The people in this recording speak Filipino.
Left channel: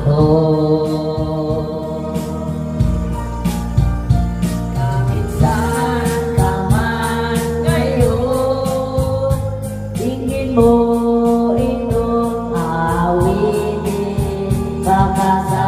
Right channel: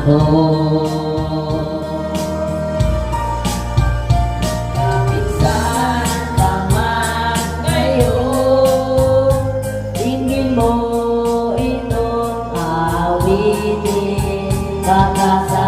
ako. Kahit saan ka man ngayon, tingin mo itong awitin, baka sa